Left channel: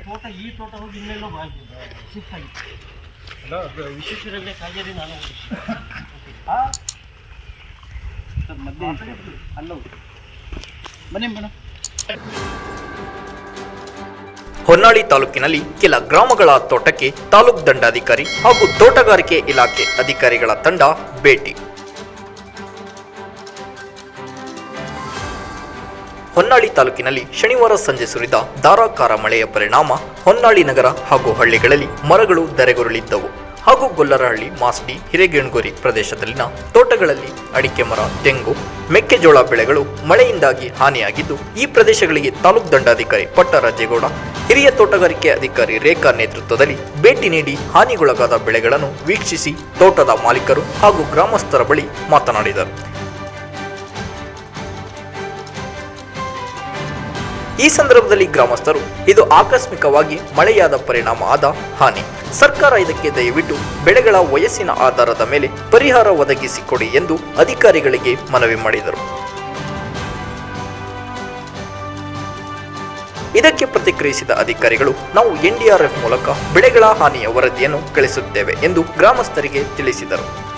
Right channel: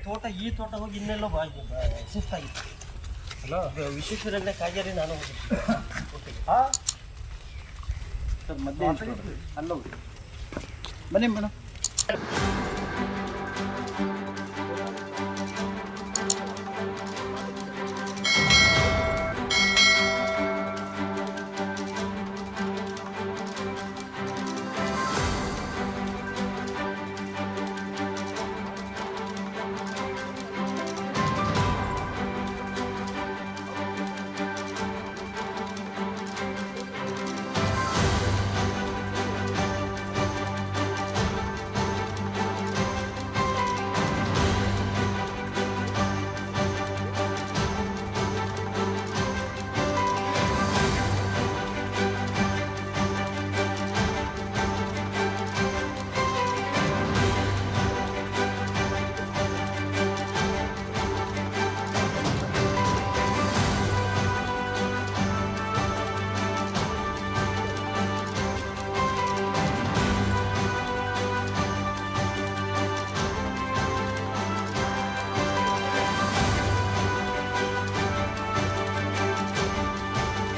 ತೋಟ ಈ ತೋಟ ಹೋಗಿ ಇನ್ನೆಲ್ಲ ಶಿಫ್ಟ್ ಆಗಿತ್ತು ವಿಶ್ವೇಶ್ವರಲ್ಲೇ ಕಾಗೇರಿ ನಾನು ಹಾಂ ಸರ್ ಮಧ್ಯೆ ಅಲ್ಲ ಬನ್ನಿ ಮೇಡಮ್ ಹೊನ್ನಾಳಿ ತಾಲೂಕಿನಲ್ಲಿ ಕೆಲ ಗ್ರಾಮಗಳ ತೋಟಕ್ಕೆ ತಾಲೂಕು ದಂಡಾಧಿಕಾರಿ ಹಾಗೂ ತೋಟಗಾರಿಕೆ ಇಲಾಖೆ ಅಧಿಕಾರಿಗಳ ತಂಡ ಭೇಟಿ. ಹೊನ್ನಾಳಿ ತಾಲೂಕಿನಲ್ಲಿ ಶನಿವಾರ ಸಂಜೆ ಸುರಿದ ಧಾರಾಕಾರ ಮಳೆಯ ಪರಿಣಾಮ ಹೊನ್ನಾಳಿ ನಗರ ಹಾಗೂ ಹಳ್ಳಿಗಳಲ್ಲಿ ಮರಗಳು ಧರೆಗುರುಳಿದ್ದವು ಹಾಗೂ ಗೊಲ್ಲರಹಳ್ಳಿ ಮಾಸ್ಡಿ ಹಿರೇಗೆಣಗೋರಿ ಪ್ರದೇಶದಲ್ಲಿನ ತೋಟಗಳಲ್ಲಿ ಅಡಿಕೆ ಮರ, ತೆಂಗು, ಮೆಕ್ಕೆಜೋಳ ಬೆಳೆಗಳು ಮಳೆಯಿಂದಾಗಿ ಹಾನಿಯಾಗಿದ್ದು, ಈ ಪ್ರದೇಶಗಳಿಗೆ ತಾಲೂಕು ದಂಡಾಧಿಕಾರಿ ಪಟ್ಟರಾಜೇಗೌಡ, ಹಿರಿಯ ತೋಟಗಾರಿಕೆ ಅಧಿಕಾರಿ ರೇಖಾ ನೇತೃತ್ವದಲ್ಲಿ ಭೇಟಿ ನೀಡಿ ಹಾನಿಗೊಳಗಾದ ಬೆಳೆಗಳನ್ನು ವೀಕ್ಷಿಸಿ ತೋಟದ ಮಾಲೀಕರು ಹಾಗೂ ಗ್ರಾಮಸ್ಥರ ಬಳಿ ಮಾತನಾಡಿದರು. ಈ ಸಂದರ್ಭದಲ್ಲಿ ಗ್ರಾಮಸ್ಥರು, ಇದು ಆಕಸ್ಮಿಕವಾಗಿ ಮಳೆಯಾದ ಪರಿಣಾಮ ಆದ ಹಾನಿ. ಸರ್ಕಾರ ಇದಕ್ಕೆ ದಯವಿಟ್ಟು ಬೆಳೆಗಳ ವಯಸ್ಸಿನ ಆಧಾರದ ಮೇಲೆ ಪರಿಹಾರ ಒದಗಿಸಿಕೊಡಿ ಎಂದು ಅಧಿಕಾರಿಗಳಿಗೆ ಮನವಿ ಮಾಡಿದರು. ಇದಕ್ಕೆ ಪ್ರತಿಕ್ರಿಯಿಸಿದ ಅಧಿಕಾರಿಗಳು, ನಾವು ಎನ್ಡಿಆರ್ಎಫ್ ಮೂಲಕ ಬೆಳೆಗಳ ಹಾನಿಯ ವರದಿಯನ್ನು ಕಳಿಸುತ್ತೇವೆ ಎಂದು ಗ್ರಾಮಸ್ಥರಿಗೆ ತಿಳಿಸಿದರು.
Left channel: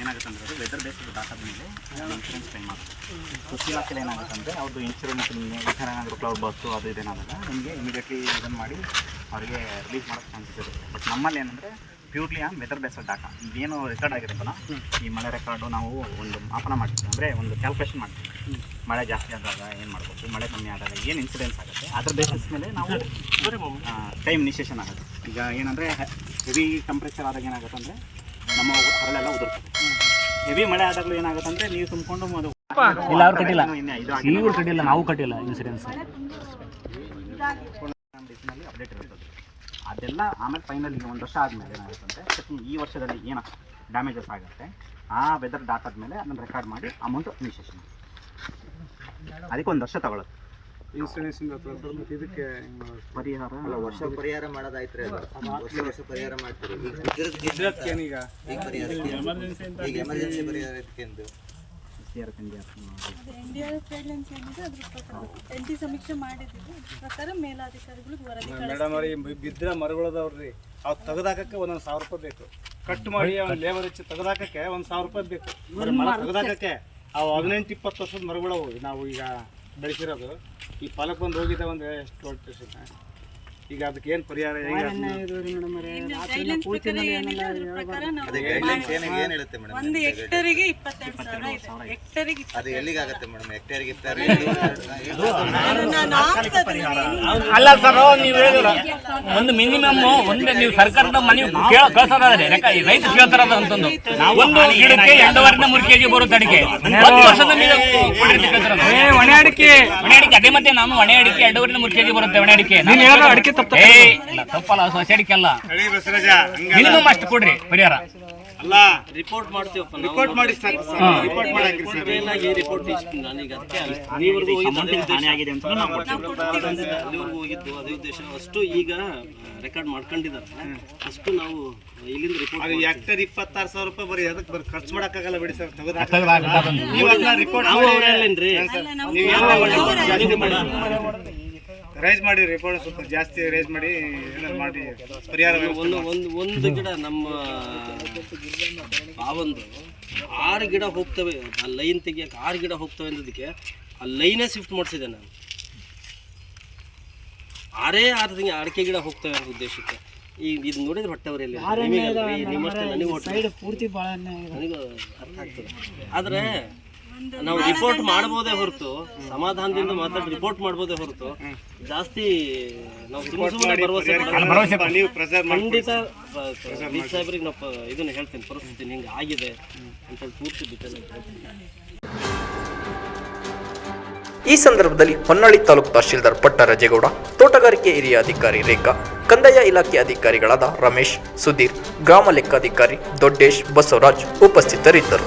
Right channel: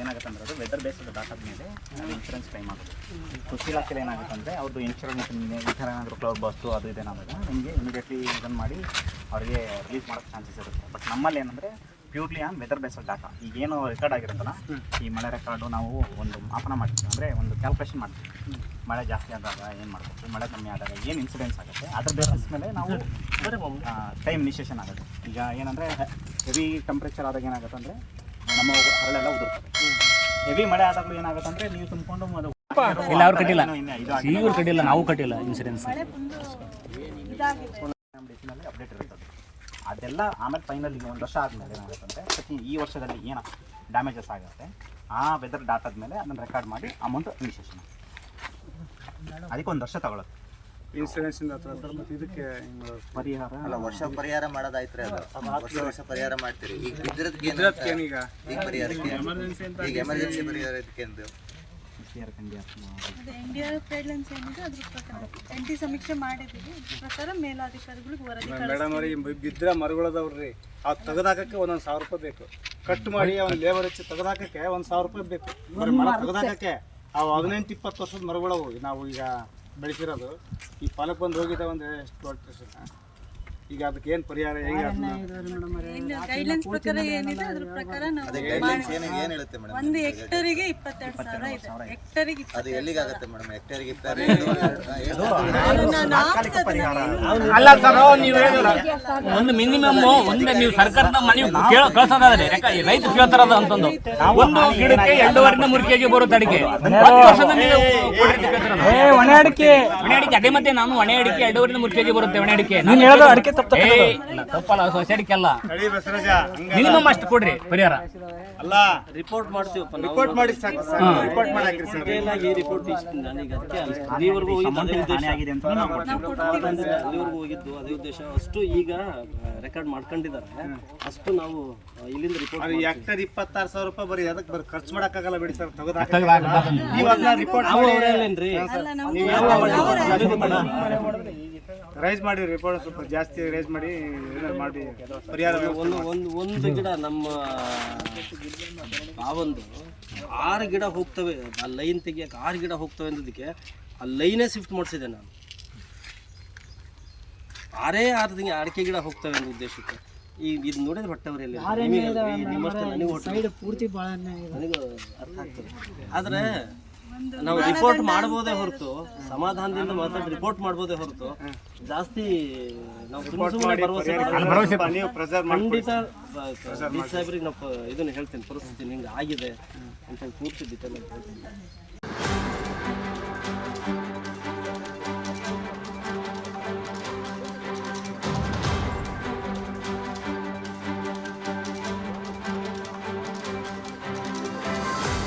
ಏನಾಗುತ್ತೆ ಅಂದ್ರೆ ಅದು ವೆದರ್ ಡಾಟಾ ಇನ್ಶೂರೆನ್ಸ್ ಕ್ಲೈಮ್ ಕೃಷಿ ಏನಾಗುತ್ತೆ ಅಂದರೆ ಅವ್ರದ್ದು ಇನ್ಶೂರೆನ್ಸ್ ಈ ಥರ ಏನಾದರೂ ಕ್ಲೌಡ್ ಬಸ್ಸು ಅದು ಇದೇನಾದಾಗ ನಿಮಗೆ ಇಮಿಡಿಯೇಟ್ಲಿ ಇದನ್ನು ಮಾಡಿ ಅವರಿಗೆ ರಿಲೀಸ್ ಮಾಡೋಕ್ಕೆ ಚಾನ್ಸಸ್ ಇರುತ್ತೆ ಬಟ್ ನಮ್ಮಲ್ಲಿ ಏನಂದರೆ purely on weather based data ಈಗೇನು ರೆಕಾರ್ಡ್ ಆಗಿರುತ್ತಲ್ಲ ಈ ಮಳೆ ರೆಕಾರ್ಡು ನಾವು ಒಂದು ಮಾಪನ ಮಾಡ್ತೀವಿ ಅಂದರೆ ಒಂದು ಕ್ಯಾಲ್ಕುಲೇಷನ್ ಮಾಡ್ತೀವಿ ಮಳೆ ಜಾಸ್ತಿ ಆದಾಗ ಏನು ಮಾಡಬೇಕು ಮಳೆ ಕಮ್ಮಿ ಆದಾಗ ಏನು ಇನ್ಸಿಡೆನ್ಸ್ ಆಗುತ್ತೆ ಅದ್ರ ಬೇಸಿಸ್ ಮೇಲೆ ನಾವು ಟೈಮ್ ನಿಶೇಷನ್ ಆಗುತ್ತೆ ಈಗ ಏನಂದರೆ ಹೆವಿ ಟೆಂಪ್ರೇಚರ್ ಆದಾಗ ಏನಾಗುತ್ತೆ ಅಂದರೆ ನಮ್ಮ ಹರಳೆಲ್ಲ ಉದುರ್ತದೆ ಹೆವಿ ಮಳೆ ಆದಾಗಲೂ ಏನಾಗುತ್ತೆ ಅಂದರೆ ನೀವು ತುಂಬಿಕೊಂಡು ಅದು ಇಲ್ಲ ಅವ್ರು ಕಟ್ಟಿಲ್ಲ ಇನ್ನೇ ಇದು ಆಗಿದೆ. ಇವ್ರು ಕಟ್ಟಿಲ್ಲ ನಾವು ಕಟ್ಟಿಲ್ಲ ಇನ್ಸೂರೆನ್ಸ್ ಅಪ್ಡೇಟ್ ಇರ್ತದೆ ಅದೆಲ್ಲ ಆಮೇಲೆ ಫೈನಲ್ ಈಗ ಒಂದು ವರ್ಷ ಆದಮೇಲೆ ಏನಾಗುತ್ತೆ ಅಂದರೆ ಪ್ರತಿ ಈ ವರ್ಷದಲ್ಲಿ ಏನು ಡ್ಯಾಮೇಜಸ್ ಆಗುತ್ತೆ ಆ ವೆದರ್ ಡಾಟಾದ ಮೇಲೆ ಅದನ್ನು ರೆಕಾರ್ಡ್ ಮಾಡಿ ಅಮೌಂಟ್ ಇನಿಷಿಯೇಷನ್ ಅದಕ್ಕೆ ಒಂದು ವರ್ಷ ತಗೊಳುತ್ತೆ ಇನ್ಶೂರೆನ್ಸ್ ಇಂದ ಅಥವಾ ಇದಕ್ಕೆ? ಪರಿಹಾರ? ಅಲ್ಲ ವರ್ಷ ಪರಿಹಾರ ಮಾಡೋದಾಯ್ತ್ರಿ ಅದು. ವರ್ಷ ವರ್ಷ ಪರಿಹಾರ ಮಾಡ್ತೀರಿ. ಈಗ ಬಿದ್ದಿರೋದಕ್ಕೆ ಅಂತ? ಏನೀಗ ಈಗ ಪರಿಹಾರಕ್ಕೆ? ಈಗ emergency N D R F guidelines ಏನಿದೆ ಅದ್ರ ಪ್ರಕಾರ ಎನ್ ಟಿ ಸಮೀಕ್ಷೆ ಮಾಡಿದ್ದೀವಿ. ಅದ್ರ ಪ್ರಕಾರ ಮೇಲಾಧಿಕಾರಿಗಳಿಗೆ ವರದಿ ಮೇಡಮ್ ಅವ್ರಿ ಬಿದ್ದರೆ ಮರಗಳದವ್ರಿ ಅವು ತೆಗೆದಾಕಕ್ಕೆ ಒಂದೊಂದು ಸಾವಿರ ರೂಪಾಯಿ ಬೇಕು. ಕಟ್ ಮಾಡಿ ಅವ್ನ ಲೇಬರ್ ಹೆಚ್ಚು ತೆಗೆದಾಕಕ್ಕೆ ಒಂದು ಸಾವಿರ ರೂಪಾಯಿ ಬೇಕು. ಬರೀ ಮರ ತೆಗೆದಾಕಕ್ಕೆ ಅವು ಹದಿನೆಂಟು ಇಪ್ಪತ್ತು ವರ್ಷದ ಮರಗಳವು ನಾವು ಈಗ ಬೆಳೆಸಿರೋದು. ಈ ಪಾಲಕ್ ಬಂದು ಹೋಗಿದ್ದಾವಂದ್ರೆ ಒಂದು ಎಷ್ಟು ಹೊಟ್ಟೆ ಈಗ ಅದಕ್ಕೆ ಏನು ಪರಿಹಾರ ಹೇಗೆ ಗೈಡ್ಲೈನ್ಸ್ ಪ್ರಕಾರ ಏನಿದೆ ಅದ್ರ ಪ್ರಕಾರ ನಾವು ಅದೇ ಗೈಡ್ಲೈನ್ಸ್ ಏನ್ ಏನ್ ಹೇಳುತ್ತೆ ಮೇಡಮ್ ಒಂದು ಹೆಕ್ಟರಿಗೆ ಇಪ್ಪತ್ತೆರಡು ಸಾವಿರ ಇದೆ. ಹೆಕ್ಟರಿಗೆ ಅದು ಎಲ್ಲಿಗಾಗತ್ತೆ ಮೇಡಮ್ ಹೆಕ್ಟೇರ್ಗೆ ಇರ್ತಾರೆ ನಾನು ಹಾಕ್ಸೋದು ನಾನೇನು ಅಲ್ಲ ಸರ್ ನೀವು ಹೇಳಿಲ್ಲ ಒಂದು ಮಿನಿಮಮ್ ಒಂದು ನೀವು ಸರ್ಕಾರದ ಮನೆ ಕೇಳ ಕಳ್ಸೋದಾದ್ರೆ ರೈತ ಕೇಳ್ತಾರದು ಅಂತಂದು. ಒಂದು ಗಿಡಕ್ಕೆ ಎರಡೂವರೆಯಿಂದ ಮೂರು ಕೆಜಿ ಬರುತ್ತೆ ಅಡಿಕೆ. ಒಂದು ವರ್ಷದ. ಒಣ ಅಡಿಕೆ. ಒಣ ಅಡಿಕೆ ಅದೇ ಮತ್ತೆ ನಾನು ಒಣ ಅಡಿಕೆ ಎರಡೂವರೆಯಿಂದ ಮೂರು ಕೆಜಿ ಬರುತ್ತೆ ಒಣ ಅಡಿಕೆ ಅಡಿಕೆ ತಪ್ಪಲ್ಲ ಹಂಗ ಮಿನಿಮಮ್ ಅಷ್ಟು ಕೊಡ್ರಿ ಪರಿಹಾರ. ಅಲ್ಲ ರಿಪೋರ್ಟ್ ಮಾಡ್ತೀವಪ್ಪ ರಿಪೋರ್ಟ್ ಮಾಡಿ ಸಾಕು ಸರ್ ರಿಪೋರ್ಟ್ ಮಾಡಾಕ್ರಿ ಸರ್. ಈ ರಿಪೋರ್ಟ್ ಇಷ್ಟು ನನಗೆ ಅದಕ್ಕೆ ಅಲ್ಲಿವರೆಗೂ ಹೋಗಿದ್ದು ಅದೇ ಉದ್ದೇಶ. ಆಗಿದೆ ಅಂತ ನಾವು ಕೊಡ್ತೀವಿ. ನಾವು ಅಲ್ಲಿವರೆಗೂ ಹೋಗಿದ್ದು ಅದೇ ಉದ್ದೇಶ. ಅಷ್ಟು ಈಗ ರೆಕಾರ್ಡ್ ಮಾಡ್ಕೊಂಡಿದ್ದಾರೆ. ಅಷ್ಟು ನಾವು ಇಲ್ಲಿಂದ ರಿಪೋರ್ಟ್ ಅದು ಹೆಕ್ಟರ್ ಇಪ್ಪತ್ತಾರು ಸಾವಿರ ರೂಪಾಯಿ ಬರೀ ಅದಕ್ಕೆ ಬರೀ ಖರ್ಚು ಮಾಡಕ್ಕಾಗಲ್ಲ ಬಿಡಿ ಸರ್ ಅದನ್ನ ರಿಪೋರ್ಟ್ ನಾವು ಮಾಡಿ ಅವರಲ್ಲೇನ್ರಿ ಅಲ್ಲ ನಾವು ನೀವು ಏನು ಅವರ- ರೈಸ್ ಮಾಡಿ ರಿಪೋರ್ಟ್ ಸ್ವಲ್ಪ ಜಾಸ್ತಿ ರೈಸ್ ಮಾಡಿ ಏನಾದ್ರು ಮಾಡಿ ಪರಿಹಾರ ಒಂದು ಒಂದು ಒಂದು ಗಿಡ ನಮ್ಮ ಆ ಒಂದು ಆರು ಗಿಡ ಹೋಗ್ತವೆ. ಆ ಲೈನ್ ತೆಗಿಯಕ್ಕೆ ಆರು ಗಿಡ ಹೋಗ್ತವೆ ಅಂದಿದ್ದಕ್ಕೆ ಆ ಲೈನೇ ಶಿಫ್ಟ್ ಮಾಡಿಸಿದೆ ನಾನು. ಆರೇ ಆರು ತಿಂಗಳು ಅಡಿಕೆ ಗಿಡ ಹೋಗ್ತವೆ ಅನ್ನೋ ಉದ್ದೇಶಕ್ಕೆ. ಈಗ ಇದು ನೋಡಿದ್ರೆ ಹೊಟ್ಟೆವರೆಯಲ್ಲಿ ನಿಮ್ಮಷ್ಟೇ ನನಗೆ ಹೊಟ್ಟೆ ಪೂರ್ತಿ ನನಗೂ ಅರ್ಥ ಆಗ್ತದೆ. ಆದರೆ ನಾವು ರಿಪೋರ್ಟ್ ಮಾಡಬಹುದೇ ಹೊರತು ಸಮಾಧಾನದಿಂದ ಮಾತಾಡಿ ರಿಪೋರ್ಟ್ ಮಾಡಬಹುದೇ ಹೊರತು ಜಾಸ್ತಿ ನಾವು ಖಂಡಿತ ಸಾಹೇಬ್ರಿಗೆ ನಾವು ಇದನ್ನ ಹೇಳ್ತೇನೆ ಪರಿಸ್ಥಿತಿ ಹಿಂಗೆ ಆಗಿದೆ ಅಂತೇಳಿ ಪೂರ್ತಿ ಡೀಟೇಲ್ ಹೇಳ್ತೀನಿ. ಈ ಸಂದರ್ಭದಲ್ಲಿ ಹೊನ್ನಾಳಿ ತಾಲೂಕು ತಹಶೀಲ್ದಾರ್ ಪಟ್ಟರಾಜೇಗೌಡ ತೋಟಗಾರಿಕೆ ಹಿರಿಯ ಅಧಿಕಾರಿ ರೇಖಾ ಕಂದಾಯ ಇಲಾಖೆ ಅಧಿಕಾರಿಗಳಾದ ರಮೇಶ್ ಸುಧೀರ್ ಗ್ರಾಮ ಲೆಕ್ಕಾಧಿಕಾರಿ ದೊಡ್ಡೇಶ್ ಬಸವರಾಜ್ ಉಪಸ್ಥಿತರಿದ್ದರು.